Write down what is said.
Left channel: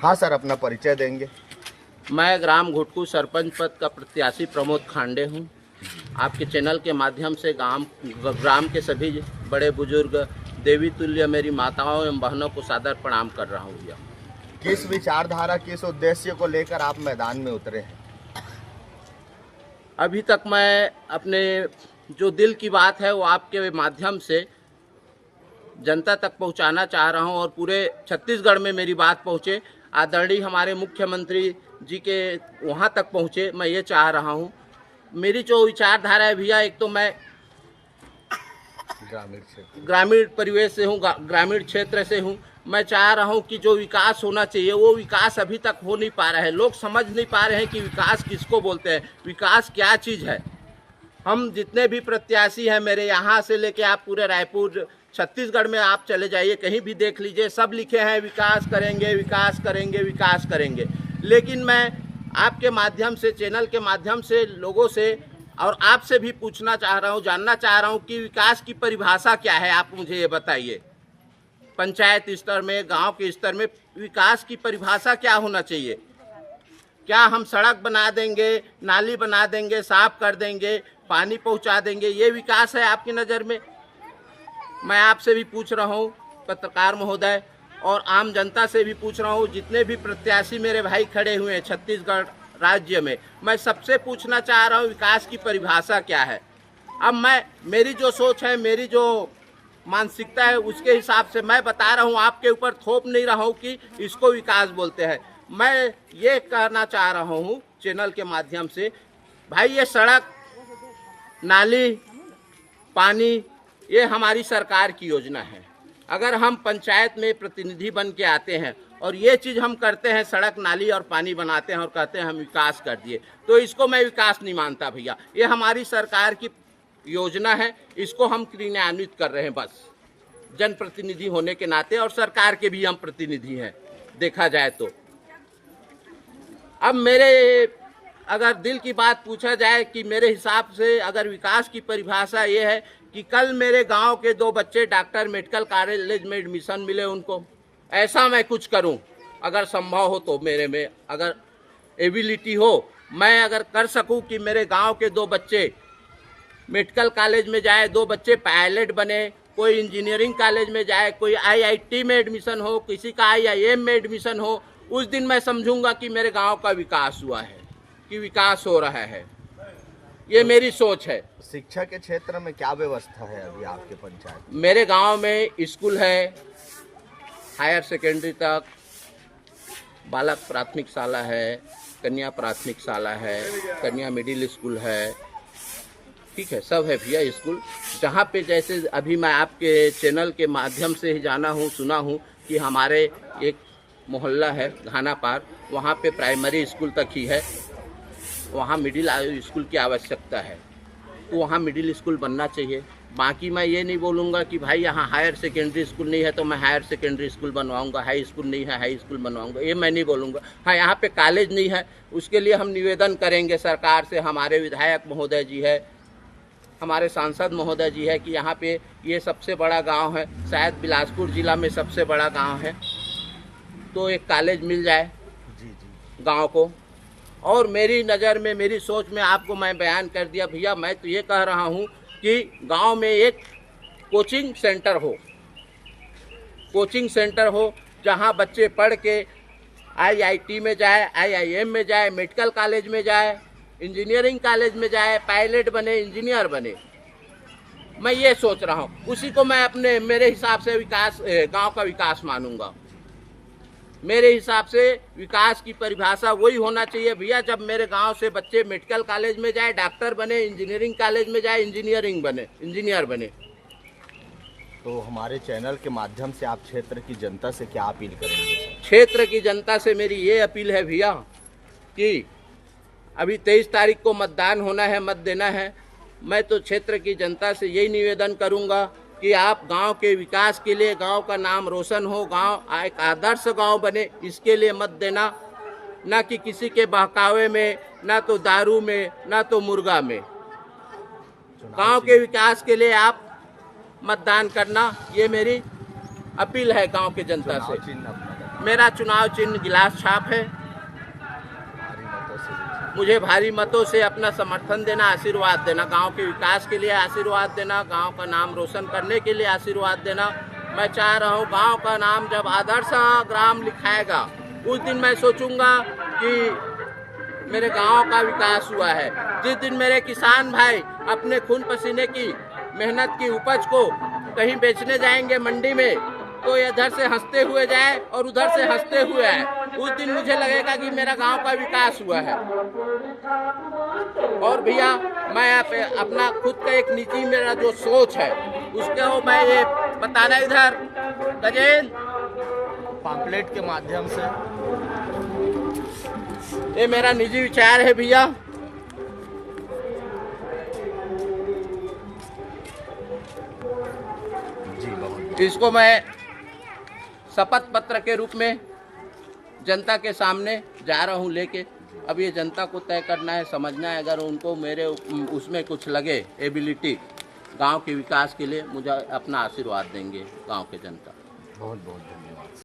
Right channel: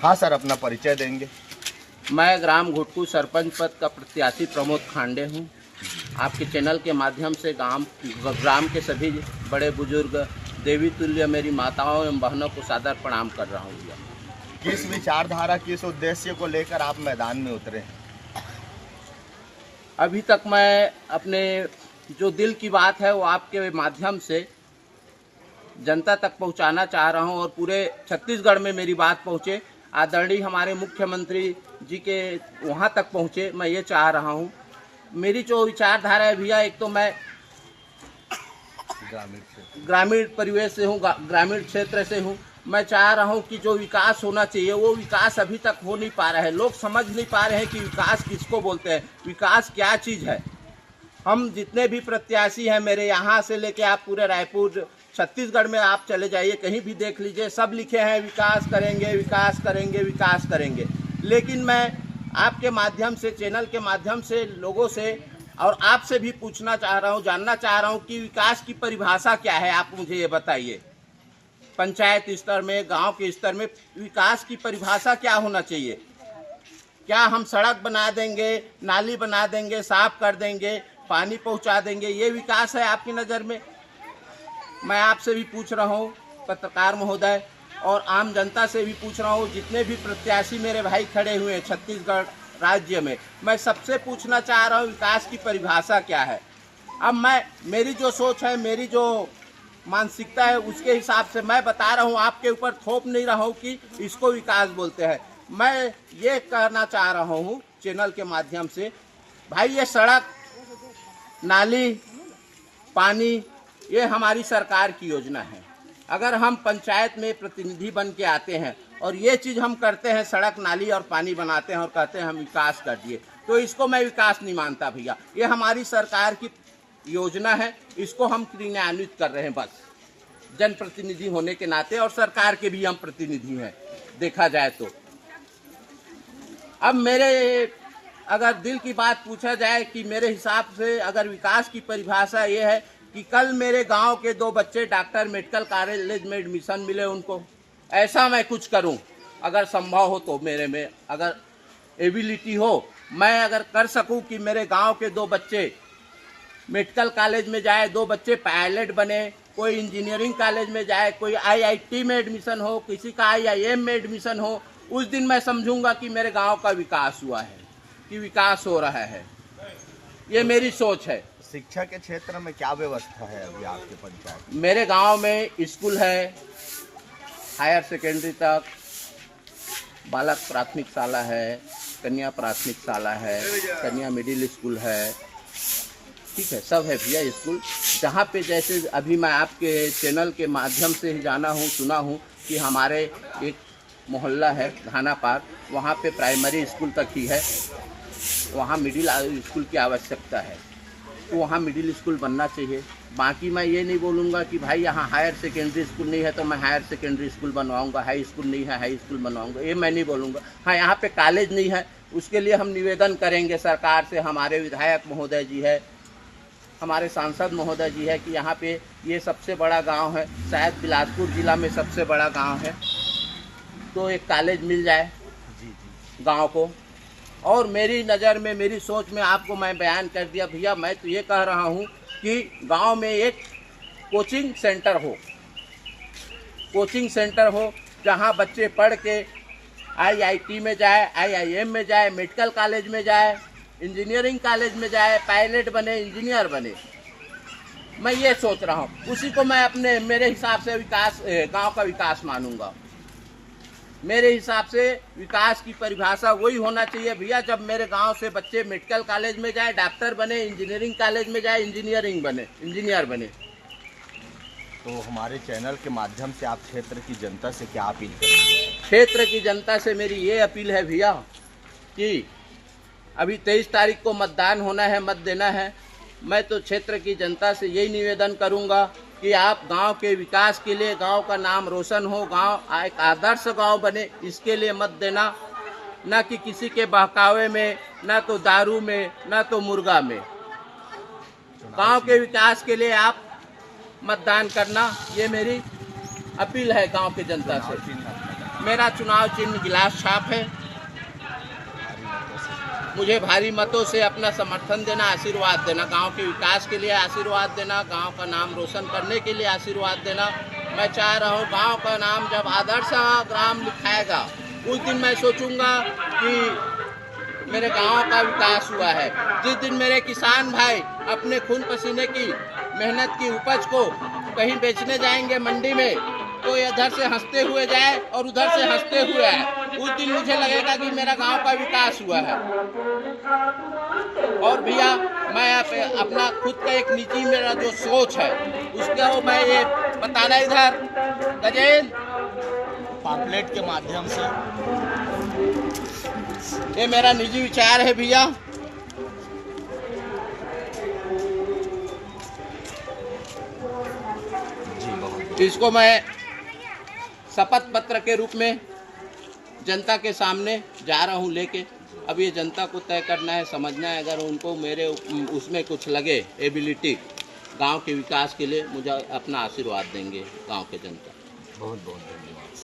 हाँ सर, अपना परिचय देंगे। मैं ग्राम घुटकू सरपंच पद का प्रत्याशी प्रमोद खांडे हूँ। आपके चैनल के माध्यम से ग्राम के सभी बड़े बुजुर्ग, देवी तुल्य मेरी माताओं एवं बहनों को सादर प्रणाम कर रहा हूँ भैया। किस विचारधारा, किस उद्देश्य को लेकर आप मैदान में उतरे हैं? अभी तक मैं अपने जो दिल की बात है वो आपके माध्यम से जनता तक पहुंचाना चाह रहा हूं और पूरे छत्तीसगढ़ में मेरी बात पहुंचे, आदरणीय हमारे मुख्यमंत्री जी के वहां तक पहुंचे, मैं ये चाह रहा हूं। मेरी जो विचारधारा है भैया, एक तो मैं ग्रामीण परिवेश से हूं, ग्रामीण क्षेत्र से हूं। मैं चाह रहा हूं कि जो विकास होना चाहिए वो विकास अभी तक हो नहीं पा रहा है। लोग समझ नहीं पा रहे हैं कि विकास किसको बोलते हैं, विकास क्या चीज़ है। हम जितने भी प्रत्याशी हैं, मेरे यहाँ से लेके आप पूरे रायपुर छत्तीसगढ़ में आप चले जाइए, कहीं भी देख लीजिए, सब लिखे हैं विकास करेंगे, विकास करेंगे, विकास करेंगे। लेकिन मैं आपके माध्यम से, चैनल के माध्यम से लोगों से और आपसे भी पूछना चाह रहा हूँ, जानना चाह रहा हूँ कि विकास की परिभाषा क्या है। आप मुझे ये बताइए, पंचायत स्तर में, गांव के स्तर में विकास की परिभाषा क्या होना चाहिए? क्या हम सड़क बना देंगे, नाली बना देंगे, साफ कर देंगे, पानी पहुंचा देंगे, ये विकास है आपकी नज़र में? मैं आपसे भी पूछ रहा हूँ, पत्रकार महोदय, और आम जनता से भी पूछ रहा हूँ, जितने भी प्रत्याशी मेरे भाई खड़े हुए हैं छत्तीसगढ़ राज्य में, मैं सबसे पूछना चाह रहा हूँ विकास की परिभाषा क्या है। अब मेरी जो सोच है, मेरी जो मानसिकता है, उसके हिसाब से मैं बता रहा हूँ, आपके ऊपर थोप नहीं रहा हूँ कि इसको विकास बोलते हैं। मैं ये कहना चाह रहा हूँ चैनल के माध्यम से, भाई ये सड़क, नाली, पानी, ये हमारी सरकार की योजना है। अगर हम पंचायत में प्रतिनिधि बन के आते हैं और ये चीज़ हम करते हैं, सड़क, नाली और पानी बनाते हैं और कहते हैं हम विकास कर दिए, तो इसको मैं विकास नहीं मानता भैया। ये हमारी सरकार की योजना है, इसको हम क्रियान्वित कर रहे हैं बस, जनप्रतिनिधि होने के नाते, और सरकार के भी हम प्रतिनिधि हैं देखा जाए तो। अब मेरे अगर दिल की बात पूछा जाए कि मेरे हिसाब से अगर विकास की परिभाषा ये है कि कल मेरे गांव के 2 बच्चे डॉक्टर मेडिकल कॉलेज में एडमिशन मिले उनको, ऐसा मैं कुछ करूं, अगर संभव हो तो, मेरे में अगर एबिलिटी हो, मैं अगर कर सकूं कि मेरे गांव के 2 बच्चे मेडिकल कॉलेज में जाए, 2 बच्चे पायलट बने, कोई इंजीनियरिंग कॉलेज में जाए, कोई IIT में एडमिशन हो, किसी का IIM में एडमिशन हो, उस दिन मैं समझूंगा कि मेरे गांव का विकास हुआ है, कि विकास हो रहा है। ये मेरी सोच है। शिक्षा के क्षेत्र में क्या व्यवस्था है अभी आपके पंचायत? मेरे गांव में स्कूल है, हायर सेकेंडरी तक, बालक प्राथमिक शाला है, कन्या प्राथमिक शाला है, कन्या मिडिल स्कूल है, ठीक है, सब है भैया स्कूल। जहाँ पे जैसे अभी मैं आपके चैनल के माध्यम से ही जाना हूँ, सुना हूँ कि हमारे एक मोहल्ला है घाना पार, वहाँ पे प्राइमरी स्कूल तक ही है, वहाँ मिडिल स्कूल की आवश्यकता है, तो वहाँ मिडिल स्कूल बनना चाहिए। बाकी मैं ये नहीं बोलूँगा कि भाई यहाँ हायर सेकेंडरी स्कूल नहीं है तो मैं हायर सेकेंडरी स्कूल बनवाऊँगा, हाई स्कूल नहीं है हाई स्कूल बनवाऊँगा, ये मैं नहीं बोलूँगा। हाँ, यहाँ पे कॉलेज नहीं है, उसके लिए हम निवेदन करेंगे सरकार से। हमारे विधायक महोदय जी है, हमारे सांसद महोदय जी है कि यहाँ पे ये सबसे बड़ा गाँव है, शायद बिलासपुर जिला में सबसे बड़ा गाँव है, तो एक कॉलेज मिल जाए गाँव को। और मेरी नज़र में, मेरी सोच में आपको मैं बयान कर दिया भैया। मैं तो ये कह रहा हूँ कि गांव में एक कोचिंग सेंटर हो, कोचिंग सेंटर हो, जहां बच्चे पढ़ के IIT में जाए, IIM में जाए, मेडिकल कॉलेज में जाए, इंजीनियरिंग कॉलेज में जाए, पायलट बने, इंजीनियर बने। मैं ये सोच रहा हूँ, उसी को मैं अपने, मेरे हिसाब से विकास, गाँव का विकास मानूंगा। मेरे हिसाब से विकास की परिभाषा वही होना चाहिए भैया, जब मेरे गांव से बच्चे मेडिकल कॉलेज में जाए, डॉक्टर बने, इंजीनियरिंग कॉलेज में जाए, इंजीनियर बने। तो हमारे चैनल के माध्यम से आप क्षेत्र की जनता से क्या अपील करेंगे? क्षेत्र की जनता से मेरी ये अपील है भैया कि अभी 23 तारीख को मतदान होना है, मत देना है। मैं तो क्षेत्र की जनता से यही निवेदन करूँगा कि आप गांव के विकास के लिए, गांव का नाम रोशन हो, गांव एक आदर्श गांव बने, इसके लिए मत देना, ना कि किसी के बहकावे में, ना तो दारू में, ना तो मुर्गा में। गांव के विकास के लिए आप मतदान करना, ये मेरी अपील है गांव के जनता से। मेरा चुनाव चिन्ह गिलास छाप है। मुझे भारी मतों से अपना समर्थन देना, आशीर्वाद देना, गांव के विकास के लिए आशीर्वाद देना, गांव का नाम रोशन करने के लिए आशीर्वाद देना। मैं चाह रहा हूं गांव का नाम जब आदर्श ग्राम लिखाएगा उस दिन मैं सोचूंगा कि मेरे गांव का विकास हुआ है। जिस दिन मेरे किसान भाई अपने खून पसीने की मेहनत की उपज को कहीं बेचने जाएंगे मंडी में, तो इधर से हंसते हुए जाए और उधर से हंसते हुए आए, उस दिन मुझे लगेगा कि मेरा गांव का विकास हुआ है। और भैया मैं अपना खुद का एक निजी मेरा जो सोच है उसको मैं ये बताना इधर गजेंद्र पॉम्पलेट के माध्यम से ये मेरा निजी विचार है भैया। इसको मैं शपथ पत्र के रूप में जनता के सामने जा रहा हूं लेके। अब ये जनता को तय करना है, समझना है। अगर उनको मेरे उसमें कुछ लगे एबिलिटी गांव के विकास के लिए, मुझे अपना आशीर्वाद देंगे गांव के जनता। बहुत बहुत धन्यवाद।